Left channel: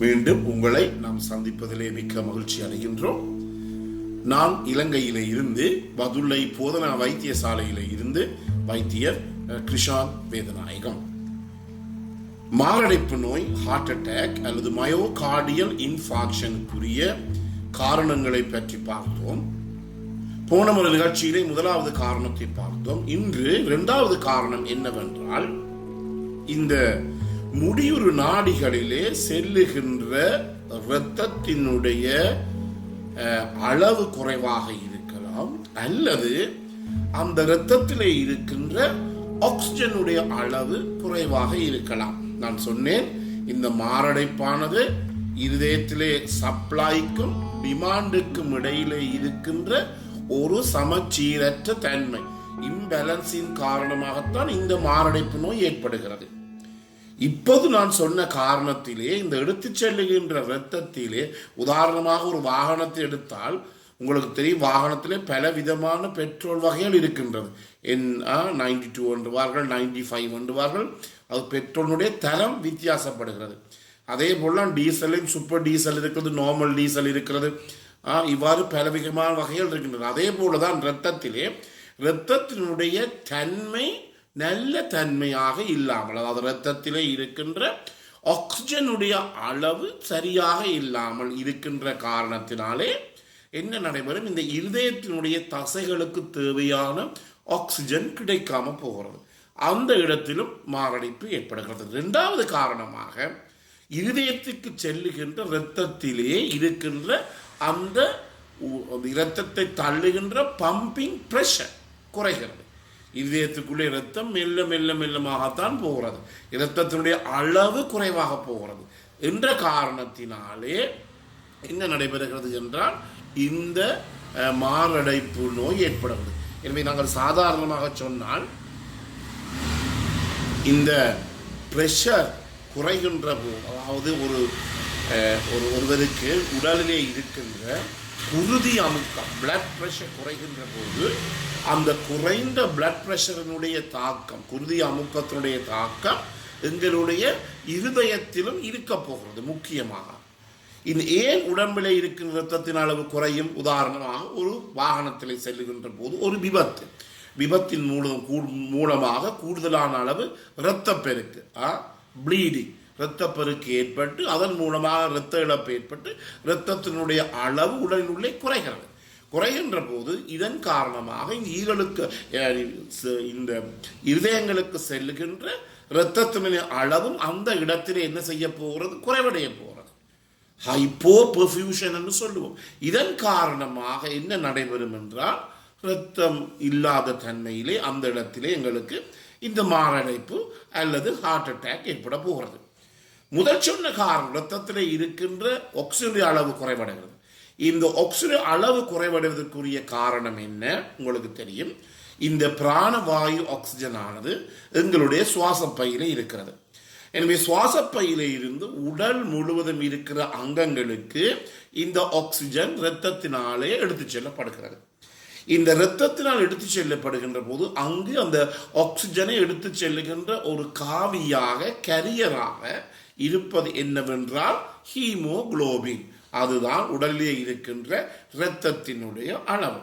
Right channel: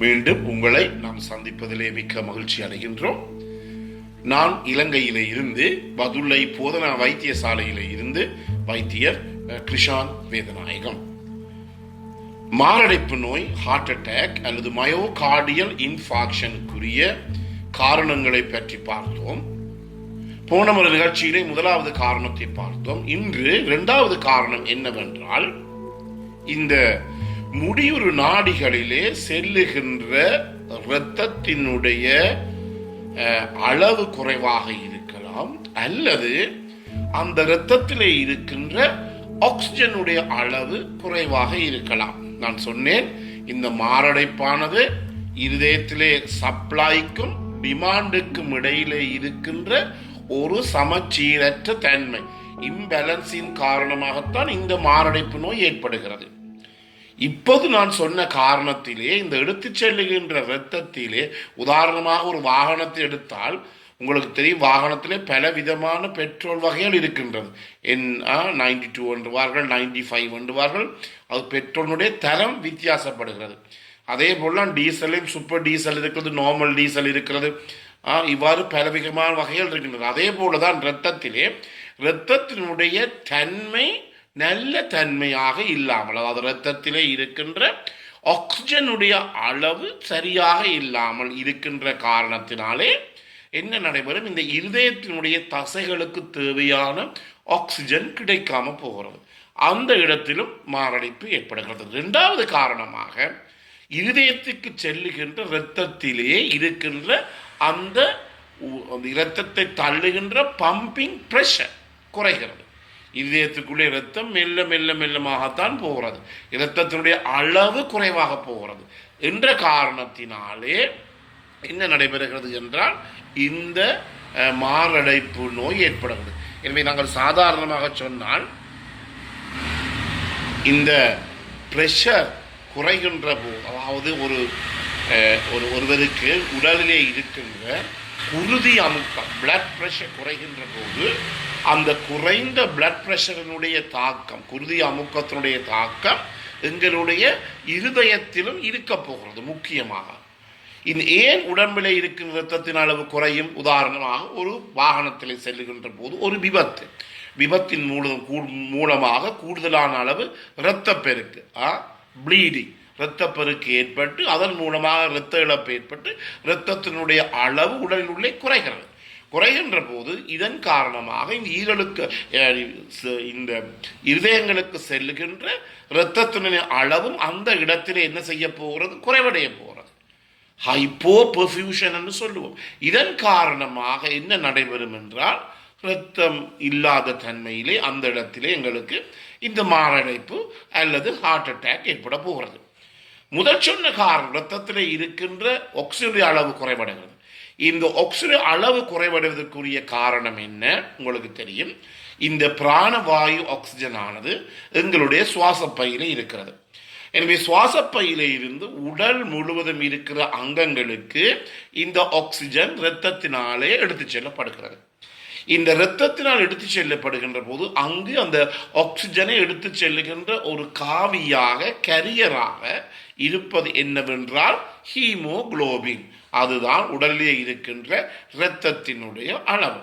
மீண்டும் உங்களை நாம் சந்திப்பதிலே மிக்க மகிழ்ச்சி அடைகின்றோம். நான் இலங்கையிலே இருந்து பதுளை போதனா வைத்தியசாலையிலே இருந்து வைத்தியர் கிருஷான் வேதநாயகம். மாரடைப்பு நோய், ஹார்ட் அட்டாக் அல்லது மயோகார்டியல் இன்ஃபாக்ஷனுக்குரிய காரணங்களை பற்றி பார்த்தோம். போன ஒரு நிகழ்ச்சியிலே முதலாவது காரணத்தை பார்த்தோம். இன்று இரண்டாவது காரணம் என்னவென்றால், இந்த முடியுறு நாடிகளிலே செல்லுகின்ற இரத்தத்தினுடைய அளவு குறைவாக இருக்கலாம், அல்லது அந்த இரத்தத்திலே இருக்கின்ற ஆக்சிஜனுடைய அளவு குறைவாக இருக்கலாம். நான் சொன்னேன், இந்த மாரடைப்பானது இருதயத்திலே சப்ளைக்கும் டிமாண்டுக்கும் இடையிலே இருக்கின்ற ஒரு சமச்சீரற்ற தன்மை, இம்பேலன்ஸின் காரணமாகத்தான் இந்த மாரடைப்பு நோய் ஏற்படுகிறது. இப்போது நான் சொன்ன காரணத்திலே, இந்த எடுத்துச் செல்லுகின்ற இரத்தத்திலே, உதாரணமாக ஒரு வாகனத்தை எடுத்தால் உங்களுக்கு தெரியும், வாகனத்திலே பல விதமான பெட்ரோல் வகைகள் இருக்கின்றது. 92 என்றுவார்கள், 95 என்றுவார்கள். அது பெட்ரோலுடைய தரம் வித்தியாசப்படுகிறது. அதே போல் டீசலையும் சூப்பர் டீசல் இருக்கிறது, நார்மல் டீசல் இருக்கிறது. இவ்வாறு பல விதமான வகைகள் இருக்கின்றது. அதே போல தான் இரத்தத்தினுடைய தன்மை நல்ல தன்மையாக இல்லாமல், அதாவது இரத்தத்திலே இருக்கின்ற ஆக்சிஜனுடைய அளவு சரியாக இல்லாமல் இருக்கின்ற காரணத்தினாலே என்ன நடைபெறும், இந்த இருதயத்தினுடைய தசைகளுக்கு தேவையான ஆக்சிஜன் கிடைக்காம போகிறது. அந்த இடத்திலும் மாரடைப்பு ஏற்படுகிறது. இரண்டாவது காரணமாக, இருதயத்துக்கு செல்லுகின்ற இரத்தத்திலே இருக்கின்ற அந்த இரத்தத்தை தள்ளுகின்ற பம்பிங் பிரஷர் குறைகிறது. இதயத்துக்குள்ளே இரத்தம் மெல்ல மெல்ல மெல்லமாகத்தான் போகிறது, இரத்தத்தினுடைய அளவு குறைவாக போகிறது என்ற காரணத்தினாலே என்ன நடைபெறுகிறது என்றால், இந்த மாரடைப்பு நோய் ஏற்படுகிறது. எனவே நாங்கள் சாதாரணமாக சொன்னால், இந்த பிரஷர் குறைகின்ற போது, அதாவது ஒருவருக்கு உடலிலே இருக்கின்ற குருதி அமுக்கம், பிளட் பிரஷர் குறைகின்ற போது, அந்த குறைந்த பிளட் பிரஷரினுடைய தாக்கம், குருதி அமுக்கத்தினுடைய தாக்கம் எங்களுடைய இருதயத்திலும் இருக்க போகிறது. முக்கியமாக இந்த ஏன் உடம்பிலே இருக்கின்ற இரத்தத்தின் அளவு குறையும்? உதாரணமாக, ஒரு வாகனத்தில் செல்லுகின்ற போது ஒரு விபத்தின் மூலமாக கூடுதலான அளவு இரத்தப்பெருக்கு, ப்ளீடிங், இரத்தப்பெருக்கு ஏற்பட்டு அதன் மூலமாக இரத்த இழப்பு ஏற்பட்டு இரத்தத்தினுடைய அளவு உடலில் உள்ளே குறைகின்ற போது, இதன் காரணமாக இந்த இருதயங்களுக்கு செல்லுகின்ற இரத்தத்தினுடைய அளவும் அந்த இடத்திலே என்ன செய்ய போகிறது? குறைவடைய போகிறது. ஹைப்போ பெர்ஃபியூஷன் என்று சொல்லுவோம். இதன் காரணமாக என்ன நடைபெறும் என்றால், இரத்தம் இல்லாத தன்மையிலே அந்த இடத்திலே எங்களுக்கு இந்த மாரடைப்பு அல்லது ஹார்ட் அட்டாக் ஏற்பட போகிறது. முதல் சொன்ன காரணம், இரத்தத்திலே இருக்கின்ற ஆக்சிஜனுடைய அளவு குறைவடைகிறது. இந்த ஆக்சிஜன் அளவு குறைவடைவதற்குரிய காரணம் என்ன? உங்களுக்கு தெரியும், இந்த பிராணவாயு ஆக்சிஜன் ஆனது எங்களுடைய சுவாச பையிலே இருக்கிறது. எனவே சுவாச பையிலே இருந்து உடல் முழுவதும் இருக்கிற அங்கங்களுக்கு இந்த ஆக்சிஜன் இரத்தத்தினாலே எடுத்துச் செல்லப்படுகிறது. இந்த இரத்தத்தினால் எடுத்து செல்லப்படுகின்ற போது, அங்கு அந்த ஆக்சிஜனை எடுத்து செல்லுகின்ற ஒரு காவியாக, கரியராக இருப்பது என்னவென்றால் ஹீமோகுளோபின். அதுதான் உடலிலே இருக்கின்ற இரத்தத்தினுடைய அளவு.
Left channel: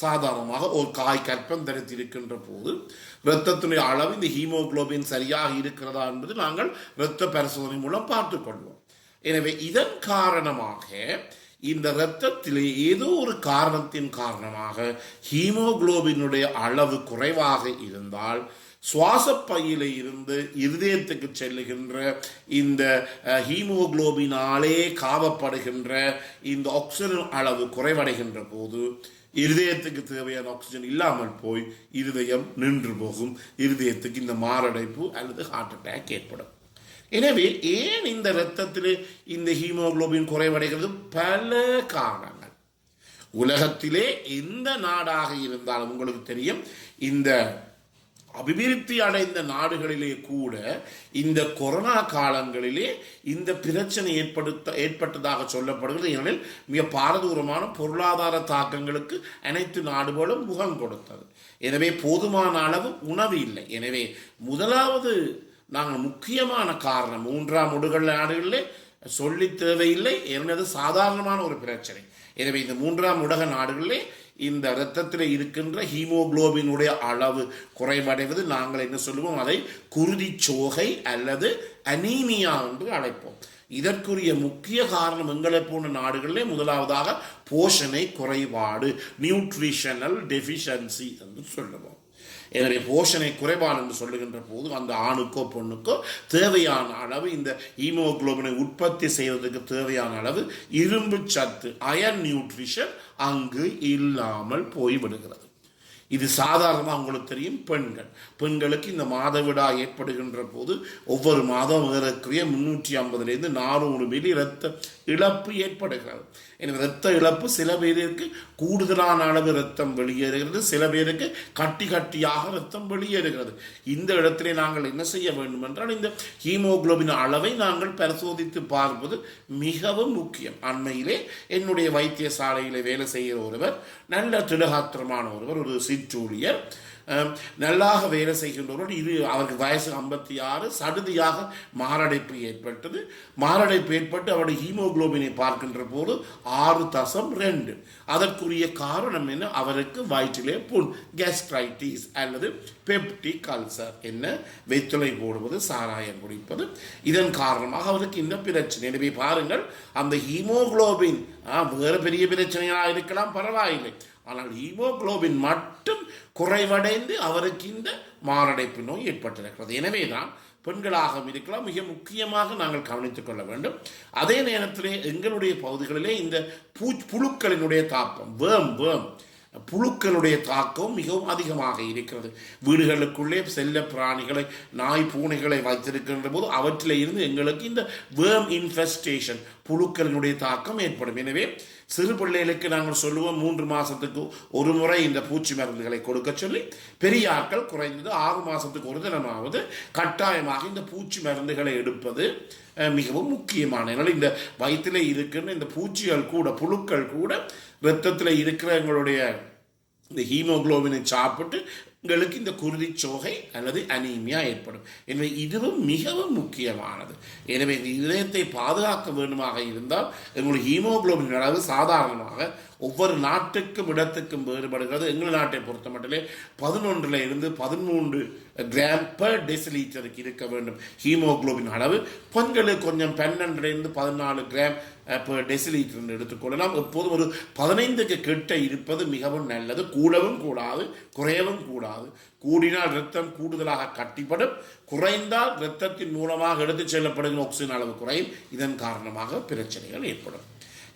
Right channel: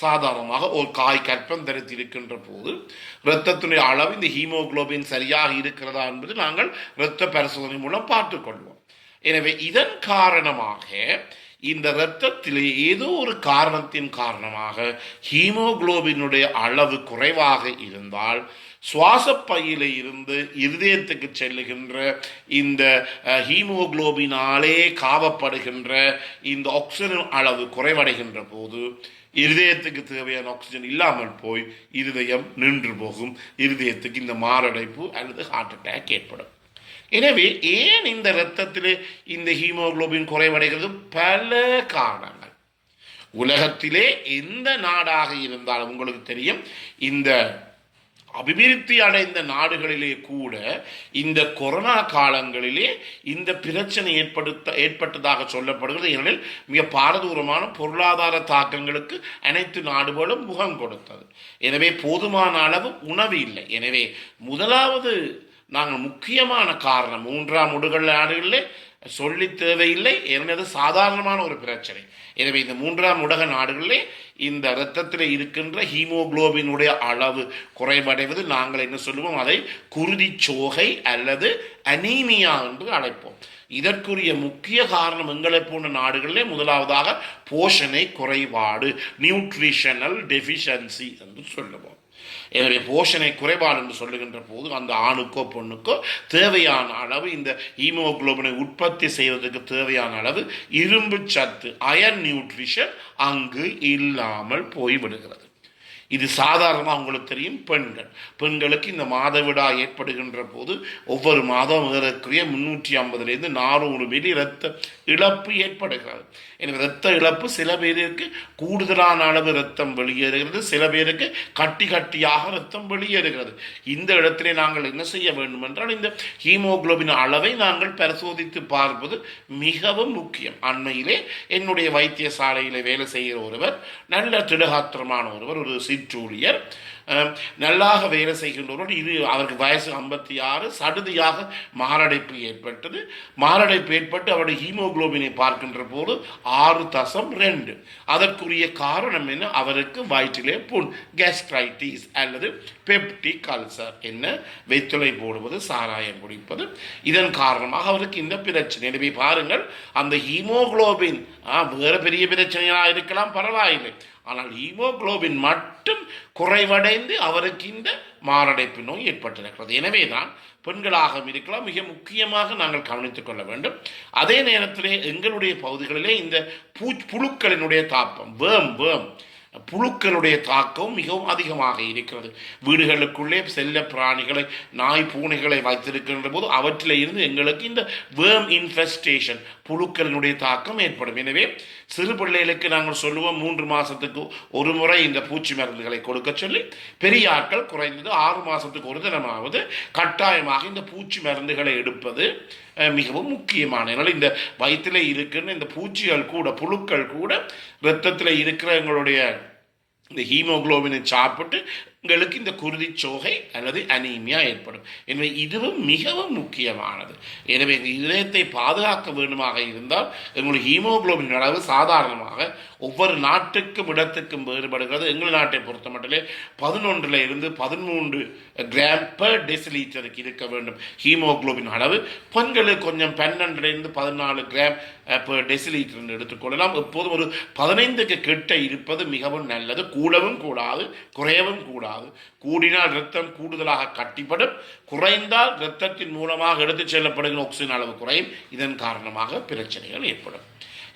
சாதாரணமாக ஒரு காய் கற்பம் தரித்திருக்கின்ற போது இரத்தத்தினுடைய அளவு, இந்த ஹீமோகுளோபின் சரியாக இருக்கிறதா என்பது நாங்கள் இரத்த பரிசோதனை மூலம் பார்த்துக்கொள்வோம். எனவே இதன் காரணமாக இந்த இரத்தத்திலே ஏதோ ஒரு காரணத்தின் காரணமாக ஹீமோகுளோபினுடைய அளவு குறைவாக இருந்தால், சுவாச பையில இருந்து இருதயத்துக்கு செல்லுகின்ற இந்த ஹீமோகுளோபினாலே காவப்படுகின்ற இந்த ஆக்சிஜன் அளவு குறைவடைகின்ற போது, இருதயத்துக்கு தேவையான ஆக்சிஜன் இல்லாமல் போய் இருதயம் நின்று போகும். இருதயத்துக்கு இந்த மாரடைப்பு அல்லது ஹார்ட் அட்டாக் ஏற்படும். எனவே ஏன் இந்த இரத்தத்திலே இந்த ஹீமோகுளோபின் குறைவடைகிறது? பல காரணங்கள். உலகத்திலே எந்த நாடாக இருந்தாலும் உங்களுக்கு தெரியும், இந்த அபிவிருத்தி அடைந்த நாடுகளிலே கூட இந்த கொரோனா காலங்களிலே இந்த பிரச்சனை ஏற்பட்டதாக சொல்லப்படுகிறது. ஏனெனில் மிக பாரதூரமான பொருளாதார தாக்கங்களுக்கு அனைத்து நாடுகளும் முகம் கொடுத்தது. எனவே போதுமான அளவு உணவு இல்லை. எனவே முதலாவது நாங்கள் முக்கியமான காரணம், மூன்றாம் உலக நாடுகளிலே சொல்லி தேவையில்லை, எனது சாதாரணமான ஒரு பிரச்சனை. எனவே இந்த மூன்றாம் உலக நாடுகளிலே இந்த இரத்தத்தில் இருக்கின்ற ஹீமோகுளோபினுடைய அளவு குறைவடைவது நாங்கள் என்ன சொல்லுவோம், அதை குருதிச்சோகை அல்லது அனீமியா என்று அழைப்போம். இதற்குரிய முக்கிய காரணம் எங்களை போன்ற நாடுகளிலே முதலாவதாக போஷணை குறைபாடு, நியூட்ரிஷனல் டெஃபிஷியன்சி என்று சொல்லுவோம். எனவே போஷணை குறைபாடு என்று சொல்லுகின்ற போது அந்த ஆணுக்கோ பெண்ணுக்கோ தேவையான அளவு இந்த ஹீமோகுளோபினை உற்பத்தி செய்வதற்கு தேவையான அளவு இரும்பு சத்து, அயன் நியூட்ரிஷன் அங்கு இல்லாமல் போய்விடுகிறது. இது சாதாரணமாக உங்களுக்கு தெரியும். பெண்களுக்கு இந்த மாதவிடா ஏற்படுகின்ற போது ஒவ்வொரு மாதம் ஏறக்குரிய 350 400 மில்லி இரத்த இழப்பு ஏற்படுகிறது. எனவே இரத்த இழப்பு சில பேருக்கு கூடுதலான அளவு இரத்தம் வெளியேறுகிறது, சில பேருக்கு கட்டி கட்டியாக இரத்தம் வெளியேறுகிறது. இந்த இடத்திலே நாங்கள் என்ன செய்ய வேண்டும் என்றால் இந்த ஹீமோகுளோபின் அளவை நாங்கள் பரிசோதித்து பார்ப்பது மிகவும் முக்கியம். அண்மையிலே என்னுடைய வைத்தியசாலையில் வேலை செய்கிற ஒருவர், நல்ல திடகாத்திரமான ஒருவர், ஒரு சிற்றூழியர், நல்லாக வேலை செய்கின்றவர். இது அவருக்கு வயசு 56, சடுதியாக மாரடைப்பு ஏற்பட்டது. மாரடைப்பு ஏற்பட்டு அவருடைய ஹீமோகுளோபினை பார்க்கின்ற போது 6.2. அதற்குரிய காரணம் என்ன? அவருக்கு வயிற்றிலே புண், கேஸ்ட்ரைட்டிஸ் அல்லது பெப்டிக் அல்சர், என்ன வெத்தலை போடுவது, சாராயம் குடிப்பது, இதன் காரணமாக அவருக்கு இந்த பிரச்சனை. எனவே பாருங்கள், அந்த ஹீமோகுளோபின் வேறு பெரிய பிரச்சனையாக இருக்கலாம், பரவாயில்லை, ஆனால் ஹீமோகுளோபின் மட்டும் குறைவடைந்து அவருக்கு இந்த மாரடைப்பு நோய் ஏற்பட்டிருக்கிறது. எனவே தான் பெண்களாக இருக்கலாம், மிக முக்கியமாக நாங்கள் கவனித்துக் கொள்ள வேண்டும். அதே நேரத்திலே எங்களுடைய பகுதிகளிலே இந்த புழுக்களினுடைய தாக்கம், புழுக்களுடைய தாக்கம் மிகவும் அதிகமாக இருக்கிறது. வீடுகளுக்குள்ளே செல்ல பிராணிகளை, நாய் பூனைகளை வைத்திருக்கின்ற போது அவற்றில் இருந்து எங்களுக்கு இந்த வேர்ம் இன்ஃபெஸ்டேஷன், புழுக்களினுடைய தாக்கம் ஏற்படும். எனவே சிறு பிள்ளைகளுக்கு நாங்கள் சொல்லுவோம் 3 மாதத்துக்கு ஒரு முறை இந்த பூச்சி மருந்துகளை கொடுக்க சொல்லி, பெரிய ஆட்கள் குறைந்தது 6 மாதத்துக்கு ஒரு தினமாவது கட்டாயமாக இந்த பூச்சி மருந்துகளை எடுப்பது மிகவும் முக்கியமான. அதனால் இந்த வயிற்றில் இருக்கின்ற இந்த பூச்சிகள் கூட, புழுக்கள் கூட இரத்தத்தில் இருக்கிற எங்களுடைய இந்த ஹீமோகுளோபினை சாப்பிட்டு உங்களுக்கு இந்த குருதிச்சோகை அல்லது அனீமியா ஏற்படும். எனவே இதுவும் மிகவும் முக்கியமானது. எனவே இந்த இதயத்தை பாதுகாக்க வேண்டுமாக இருந்தால் எங்களுடைய ஹீமோகுளோபின் அளவு சாதாரணமாக ஒவ்வொரு நாட்டுக்கும் இடத்துக்கும் வேறுபடுகிறது. எங்கள் நாட்டை பொறுத்த மட்டிலே 11 இருந்து 13 கிராம் பெர் டெசிலிட்டருக்கு இருக்க வேண்டும் ஹீமோகுளோபின் அளவு. பெண்களுக்கு கொஞ்சம் 12 இருந்து 14 கிராம் பெர் டெசிலிட்டர் எடுத்துக்கொள்ளலாம். எப்போதும் ஒரு 15க்கு கிட்ட இருப்பது மிகவும் நல்லது. கூடவும் கூடாது, குறையவும் கூடாது. கூடினால் இரத்தம் கூடுதலாக கட்டிப்படும், குறைந்தால் இரத்தத்தின் மூலமாக எடுத்துச் செல்லப்படுகிற ஆக்சிஜன் அளவு குறையும். இதன் காரணமாக பிரச்சனைகள் ஏற்படும்.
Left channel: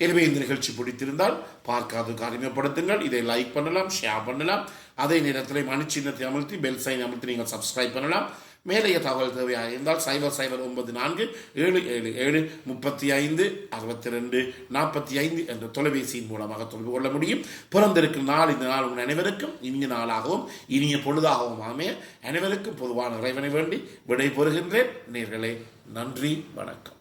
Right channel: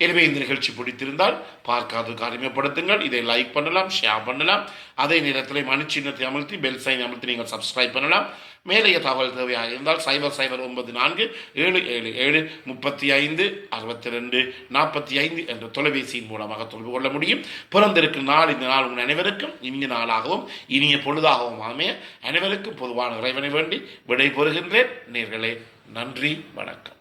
எனவே இந்த நிகழ்ச்சி பிடித்திருந்தால் பார்க்காத அறிமுகப்படுத்துங்கள். இதை லைக் பண்ணலாம், ஷேர் பண்ணலாம். அதே நேரத்தில் மணிச்சின்னத்தை அமர்த்தி பெல் சைன் அமர்த்தி நீங்கள் சப்ஸ்கிரைப் பண்ணலாம். மேலைய தகவல் தேவையாக இருந்தால் 0094 777 35 62 45 என்ற தொலைபேசியின் மூலமாக தொடர்பு கொள்ள முடியும். பிறந்திருக்கும் நாள் இந்த நாள் உங்கள் அனைவருக்கும் இனிய நாளாகவும் இனிய பொழுதாகவும் அமைய அனைவருக்கும் பொதுவான இறைவனை வேண்டி விடை பெறுகின்றேன். நேயர்களே, நன்றி, வணக்கம்.